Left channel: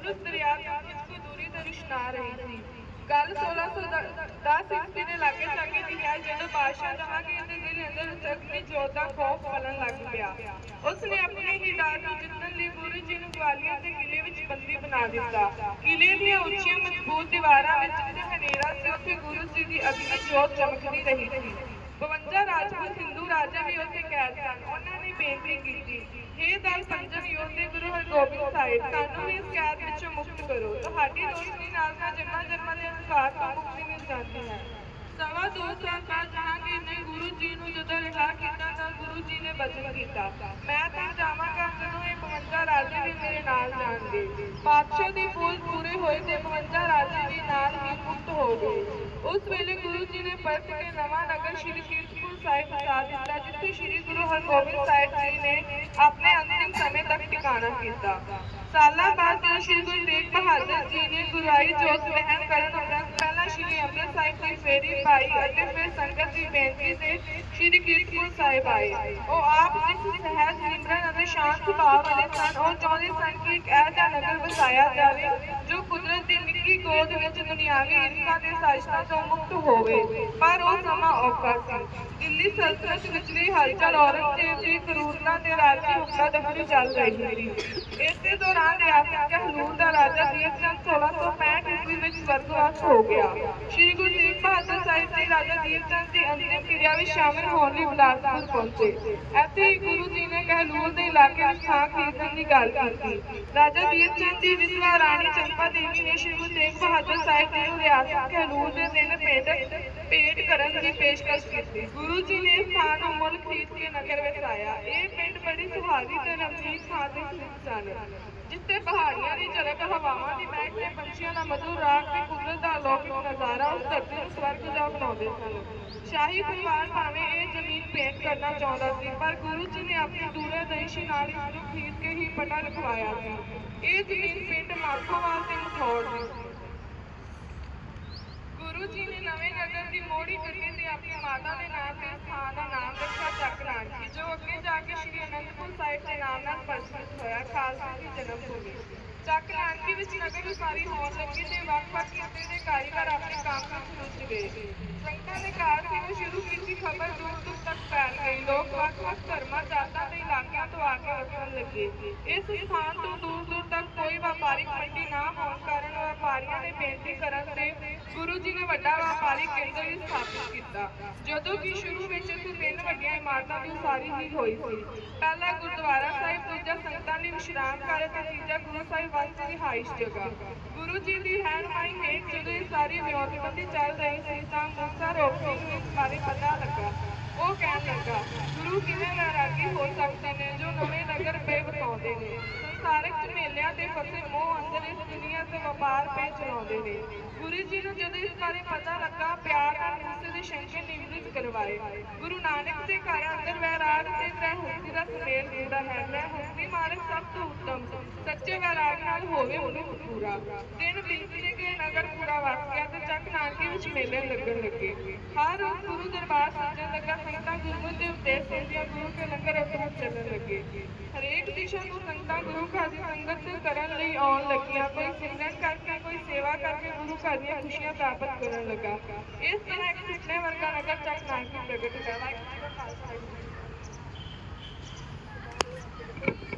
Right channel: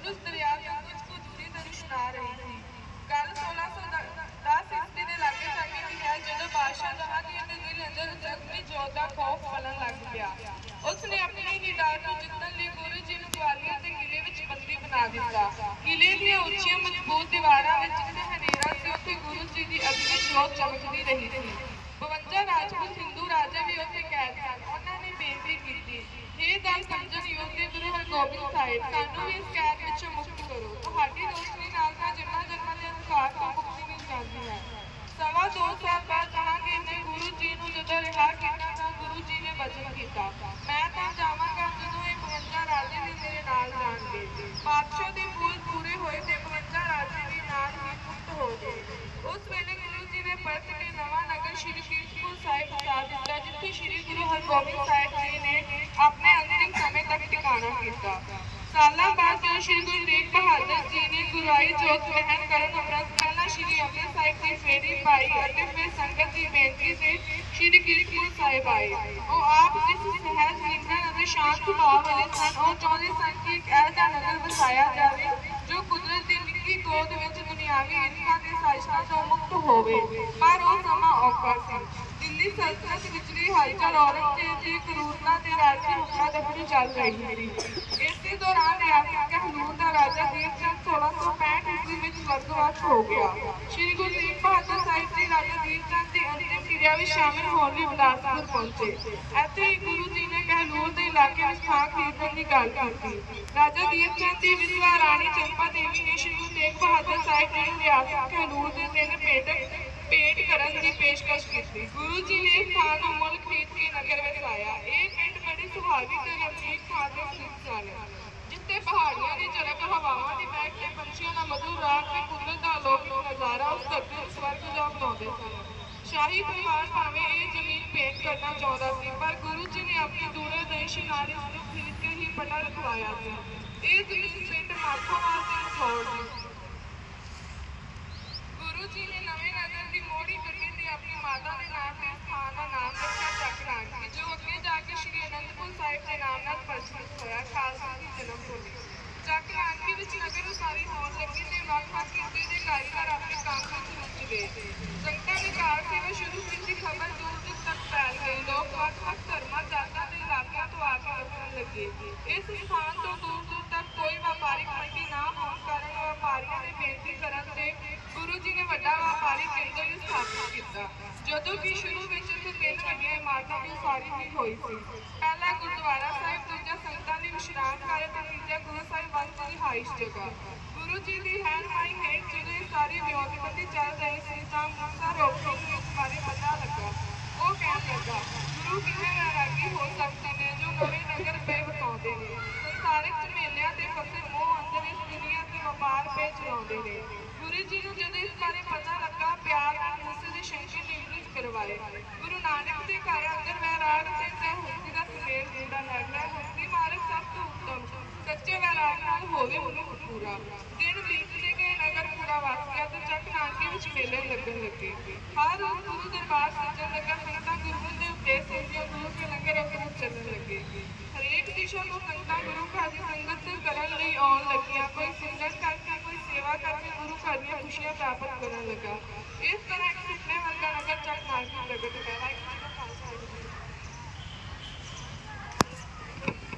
ਸਤਲੁਜ ਦਰਿਆ ਤੋਂ ਕੁਝ ਕੁ ਦੂਰੀ ਤੋਂ ਇਸ਼ਨਾਰ ਰਹੀ ਸੀ। ਗੱਲ 1610 ਈਸਵੀ ਦੇ ਲਾਗੇ ਚਾਗੇ ਦੀ ਹੈ, ਜਦੋਂ ਬਾਦਸ਼ਾਹ ਜਹਾਂਗੀਰ ਦੇ ਦਿਲ ਅੰਦਰ ਜ਼ਖਮੀ ਜੋਤ ਦਾ ਖੌਫ ਫਲਣ ਲੱਗ ਪਿਆ। ਉਸ ਨੇ ਆਪਣੀ ਹੀ ਨੂੰ ਜਿੱਤਣ ਲਈ ਗੁਰੂ ਜੀ ਨੂੰ ਗਵਾਲੀਅਰ ਦੇ ਕਿਲੇ ਵਿੱਚ ਬੰਦੀ ਬਣਾ ਦਿੱਤਾ। ਕਿਲੇ ਦੀਆਂ ਉੱਚੀਆਂ ਮਜ਼ਬੂਤ ਦੀਵਾਰਾਂ ਵਿੱਚ ਜਿੱਥੇ ਹਨੇਰਾ ਸੀ, ਉੱਥੇ ਗੁਰੂ ਜੀ ਦੀ ਅਗਨੀ ਜੋਤ ਚਮਕਦੀ ਰਹੀ ਸੀ। 52 ਰਾਜਪੂਤ ਹਿੰਦੂ ਰਾਜਾ ਵੀ ਉੱਥੇ ਕੈਦ ਸਨ। ਉਹਨਾਂ ਨੇ ਬੇਨਤੀ ਕੀਤੀ, ਹੇ ਦਲ ਪੰਜਨ ਯੋਧ ਗੁਰੂ ਹਰਗੋਬਿੰਦ ਸਾਹਿਬ, ਸਾਨੂੰ ਵੀ ਇਸ ਕੈਦ ਵਿੱਚੋਂ ਮੁਕਤ ਕਰੋ। ਤੁਹਾਡੀ ਰੋਸ਼ਨੀ ਨਾਲ ਤਾਂ ਜਨਮਾਂ ਜਨਮਾਂ ਦੇ ਅਨੁਸਾਰ ਤੋਂ ਮੁਕਤੀ ਮਿਲ ਜਾਂਦੀ ਹੈ। ਸਵਾ ਦੋ ਸਾਲ ਬਾਅਦ ਜਹਾਂਗੀਰ ਨੇ ਗੁਰੂ ਜੀ ਨੂੰ ਜਦੋਂ ਰਿਹਾ ਕੀਤਾ ਤਾਂ ਗੁਰੂ ਜੀ ਨੇ ਬਚਨ ਕੀਤਾ। ਮੈਂ ਤਾਂ ਜਾਵਾਂਗਾ ਜਦੋਂ ਇਹ 52 ਰਾਜੇ ਵੀ ਮੇਰੇ ਨਾਲ ਜਾਣਗੇ। ਪਾਤਸ਼ਾਹ ਦੀ ਪੂਜ ਪੂਰੀ ਹੋਈ ਤੇ 52 ਰਾਜੇ ਵੀ ਨਾਲ ਹੀ ਮੁਕਤ ਹੋ ਗਏ। ਉਸ ਵੇਲੇ ਗੁਰੂ ਜੀ ਨੇ ਪਰਤ ਕੇ ਸ਼੍ਰੀ ਕੀਰਤਪੁਰ ਸਾਹਿਬ ਬਸਾ ਦਿੱਤਾ ਜਿੱਥੇ ਸ਼੍ਰੀ ਗੁਰੂ ਹਰਗੋਬਿੰਦ ਸਾਹਿਬ ਜੀ ਨੇ ਆਪਣੇ ਅੰਤਿਮ ਸਮੇਂ ਤੱਕ ਟਿਕਾਣਾ ਕੀਤਾ। ਸਾਲਾਂ ਬਾਅਦ ਜਦੋਂ ਸ਼੍ਰੀ ਗੁਰੂ ਤੇਗ ਬਹਾਦਰ ਜੀ ਨੇ ਗੁਰਾਈ ਜੋਤ ਵਹਿਣ ਕਰਨ ਉਪਰੰਤ ਪਹਿਲਾਂ ਸ਼੍ਰੀ ਅੰਮ੍ਰਿਤ ਸਾਹਿਬ ਦੀ ਫੇਰੀ ਪਾਈ ਅਤੇ ਫਿਰ ਸੰਗਤ ਦੀ ਬੇਨਤੀ ਤੇ ਸ਼੍ਰੀ ਕੀਰਤਪੁਰ ਸਾਹਿਬ ਆਏ। ਉਹ ਆਪ ਜਿਸ ਸਹਿਜ ਨਿਮਰਨ ਅਤੇ ਸ਼ਾਂਤ ਭਾਵ ਵਾਲੇ ਸਨ, ਉਹ ਚਾਹੁੰਦੇ ਸਨ ਕਿ ਇੱਕ ਇਹੋ ਨਗਰ ਵਸਾਇਆ ਜਾਵੇ ਨਿੱਕੀ ਵਿੱਚ ਦੁਨਿਆਵੀ ਈਰਖਾ ਤੇ ਸਾਜ਼ਿਸ਼ਾਂ ਤੋਂ ਮੁਕਤ ਹੋਵੇ। ਪਰ ਉਹ ਸਮਾਂ ਔਖਾ ਸੀ। ਦਿੱਲੀ ਸਲਤਨਤ ਵਿਚਲੀ ਹਲਚਲ ਔਰੰਗਜ਼ੇਬ ਦੀ ਕਰੂਰਤਾ ਤੇ ਰਾਜੀ ਹੁਕਮਾਂ ਦਫਤਰ ਚੱਲ ਰਹੀ ਸੀ। ਇਸੇ ਦੌਰਾਨ ਰਿਆਸਤ ਕਹਲੂਰ ਦਾ ਰਾਜਾ ਦੀਰਚੰਦ 1665 ਈਸਵੀ ਵਿੱਚ ਵਰਗਵਾਸ਼ ਹੋ ਗਿਆ। ਸ਼੍ਰੀ ਗੁਰੂ ਤੇਗ ਬਹਾਦਰ ਸਾਹਿਬ ਜੀ ਰਾਜਾ ਦੀਰਚੰਦ ਦੀ ਵਿੱਚ ਸ਼ਾਮਿਲ ਹੋਣ ਲਈ ਬਿਲਾਸਪੁਰ ਪਹੁੰਚੇ। ਇੱਥੇ ਗੁਰੂ ਜੀ ਨੇ ਕਹਲੂਰ ਦੇ ਇਲਾਕੇ ਵਿੱਚ ਥਾਂ ਖਰੀਦਣ ਦੀ ਗੱਲ ਕੀਤੀ। ਰਾਜਾ ਦੀਰਚੰਦ ਦੀ ਵਿਧਵਾ ਰਾਣੀ ਚੰਪਾ ਦੇਵੀ ਨੇ ਸ਼੍ਰੀ ਗੁਰੂ ਤੇਗ ਬਹਾਦਰ ਸਾਹਿਬ ਜੀ ਨੂੰ ਰਿਆਸਤ ਕਹਲੂਰ ਦੇ ਤਿੰਨ ਪਿੰਡ ਭੇਟ ਕਰਨ ਦੀ ਪੇਸ਼ਕਸ਼ ਕੀਤੀ। ਗੁਰੂ ਜੀ ਨੇ ਥਾਂ ਨੂੰ ਮੁੱਲ ਖਰੀਦ ਕੇ ਨਗਰ ਵਿੱਚ ਆਇਆ ਇਹ ਪਿੰਡ ਬੜੀ ਸੁਹਾਵੀ ਤੇ ਰਮਣੀਕ ਥਾਂ ਤੇ ਸਥਿਤ ਸਨ, ਜਿੱਥੇ ਪਹਾੜੀਆਂ ਦੀ ਝਲਕ ਹਵਾਵਾਂ ਦੀ ਮਹਿਕ ਤੇ ਪੰਛੀਆਂ ਦਾ ਮਧੁਰ ਰਾਗ ਤੇ ਕੁਦਰਤ ਦਾ ਅਲੌਕਿਕ ਨਜ਼ਾਰਾ ਉਸ ਧਰਤੀ ਨੂੰ ਸਵਰਗ ਜਾ ਬਣਾਉਂਦੇ ਸਨ। ਸ਼ਾਹੀ ਪਰਿਵਾਰ ਭਾਵੇਂ ਇਹ ਜ਼ਮੀਨ ਭੇਟ ਕਰਨਾ ਚਾਹੁੰਦਾ ਸੀ, ਪਰ ਗੁਰੂ ਜੀ ਨੇ ਆਪਣੀ ਦੂਰਦਰਸ਼ੀ ਨਾਲ ਇਸ ਨੂੰ ਖਰੀਦ ਕੇ ਹੀ ਪਟਾ ਲਿਖਵਾਇਆ ਸੀ। ਇਹ ਜ਼ਮੀਨ ਪਿੰਡ ਮਾਖੋਵਾਲ ਤੇ ਮਠੌੜ ਗੁਰੂ ਜੀ ਨੇ ਨਵੇਂ ਨਗਰ ਦੀ ਮੋੜੀ ਕਰਕੇ ਤੇ ਆਪਣੀ ਮਾਤਾ ਦੇ ਨਾਮ ਤੇ ਇਸ ਦਾ ਨਾਮ ਰੱਖਿਆ ਚੱਕ ਜੋ ਅੱਗੇ ਜਾ ਕੇ ਸ਼੍ਰੀ ਅਨੰਦਪੁਰ ਸਾਹਿਬ ਦੇ ਨਾਮ ਨਾਲ ਪ੍ਰਚਲਿਤ ਹੋਇਆ, ਖਾਲਸਾ ਦੀ ਜਨਮ ਭੂਮੀ। ਵਿੱਚ ਨਗਰ ਉਸਾਰੀ ਹੋਣ ਲੱਗੀ ਤੇ ਵੱਖ-ਵੱਖ ਕਿੱਤੇ ਦੇ ਕਾਰੀਗਰ ਆਪਣੇ ਕੰਮ ਵਿੱਚ ਰੁੱਝ ਗਏ। ਸੰਗਤਾਂ ਨੇ ਕਾਰ ਸੇਵਾ ਸ਼ੁਰੂ ਕੀਤੀ ਖਬਰ ਦੂਰ ਤੱਕ ਫੈਲ ਗਈ ਲੋਕ ਵੱਖ-ਵੱਖ ਧਰਮਾਂ, ਜਾਤਾਂ ਤੇ ਇਲਾਕਿਆਂ ਤੋਂ ਆ ਕੇ ਵਸਣ ਲੱਗੇ। ਇਸ ਸਥਾਨ ਤੋਂ ਦੂਰ ਦੂਰ ਤੱਕ ਕੋਈ ਵਪਾਰਿਕ ਮੰਡੀ ਨਾ ਹੋਣ ਕਾਰਨ ਵਪਾਰੀਆਂ ਨੇ ਬੇਨਤੀ ਕਰਨ ਤੇ ਗੁਰੂ ਜੀ ਨੇ ਵੱਡਾ ਵਪਾਰੀ ਕੇਂਦਰ ਵੀ ਸਥਾਪਿਤ ਕੀਤਾ। ਜਦੋਂ ਕਿ ਸ਼ੁਰੂ ਵਿੱਚ ਇੱਥੇ ਤਿੰਨ ਵੱਡੀਆਂ ਇਮਾਰਤਾਂ ਦੀ ਉਸਾਰੀ ਹੀ ਹੋਈ ਸੀ। ਪਹਿਲਾ ਗੁਰਦੁਆਰਾ ਸਾਹਿਬ, ਦੂਜਾ ਸੰਗਤਾਂ ਲਈ ਵਿਸ਼ਰਾਮ ਘਰ ਤੇ ਗੁਰੂ ਸਾਹਿਬ ਵਾਸਤੇ ਰਿਹਾਇਸ਼ ਜਗ੍ਹਾ। ਗੁਰੂ ਜੀ ਦੀ ਰਹਿਨਮਾਈ ਹੇਠ ਜਦੋਂ ਇਹ ਸਾਰੀ ਵਿਉਂਤਬੰਦੀ ਚੱਲ ਰਹੀ ਸੀ ਤਾਂ ਮੂਸਾ ਰੋਪੀ ਨੂੰ ਇਸ ਬਾਰੇ ਪਤਾ ਲੱਗਾ। ਉਹ ਕਹਿਣ ਲੱਗਾ, ਗੁਰੂ ਕਿਵੇਂ ਵੈਰਾਗੀ ਹੋ ਸਕਦੇ ਨੇ ਜੋ ਨਵੇਂ ਨਗਰ ਪੇ ਵਸਾਉਂਦੇ ਨੇ? ਸੰਸਾਰਿਕ ਝਮੇਲਿਆਂ ਤੇ ਫਸੇ ਮੋਹ ਅੰਦਰ ਇਸ ਦੁਨੀਆ ਤੇ ਵਪਾਰ ਪੇ ਚਲਾਉਂਦੇ ਨੇ। ਗੁਰੂ ਜੀ ਨੂੰ ਜਦੋਂ ਇਸ ਬਾਰੇ ਪਤਾ ਲੱਗਾ, ਪਿਆਰ ਨਾਲ ਮੂਸੇ ਦੇ ਸ਼ੰਕੇ ਨਿਵ੍ਰਿਤ ਕਰਵਾਏ। ਗੁਰੂ ਨਾਨਕ ਦੇ ਘਰ ਅੰਦਰ ਵੈਰਾਗ ਤੇ ਤ੍ਰੈ ਦਾ ਸੁਮੇਲ ਪੂਰਾ ਹੈ। ਤ੍ਰੈ ਹਸਤੀ ਨਾਲ ਹੋਵੇ ਮਨੁੱਖ ਪੂਰਾ। ਦਿਨ ਬੀਤਦੇ ਗਏ, ਨਗਰ ਪੂਰਾ ਵਸ ਗਿਆ ਤੇ ਚੱਕ ਨਾਨਕੇ ਵਿੱਚ ਮੇਲੇ ਲੱਗਣ ਲੱਗੇ। ਹਰ ਰੋਜ਼ ਗੁਰੂ ਦਰਬਾਰ ਸੱਜਣ ਲੱਗਾ, ਸੰਗਤਾਂ ਗੁਰਮਤਿ ਦੇ ਉਪਦੇਸ਼ ਸੁਣਦੀਆਂ ਗੁਰੂ ਕੇ ਲੰਗਰ ਉੱਪਰ ਚੱਲਣ ਲੱਗੇ। ਹਰੇਕ ਦਿਸ਼ਾ ਤੋਂ ਸੰਗਤਾਂ ਗੁਰੂ ਘਰ ਦੀ ਸੰਗਤ ਤੇ ਕਰਨ ਲਈ ਆਉਣ ਲੱਗੀਆਂ। ਕੋਈ ਸਿਮਰਨ ਕਰਕੇ, ਕੋਈ ਸੇਵਾ ਕਰਕੇ ਗੁਰੂ ਘਰ ਦੀਆਂ ਖੁਸ਼ੀਆਂ ਪ੍ਰਾਪਤ ਕਰਨ ਲੱਗਾ। ਇਸ ਤਰ੍ਹਾਂ ਇੱਕ ਸੁਪਨੇ ਵਰਗਾ ਨਗਰ ਚੱਕ ਨਾਨਕੀ ਪ੍ਰਗਟ ਹੋਇਆ। ਵਾਹਿਗੁਰੂ ਜੀ ਕਾ ਖਾਲਸਾ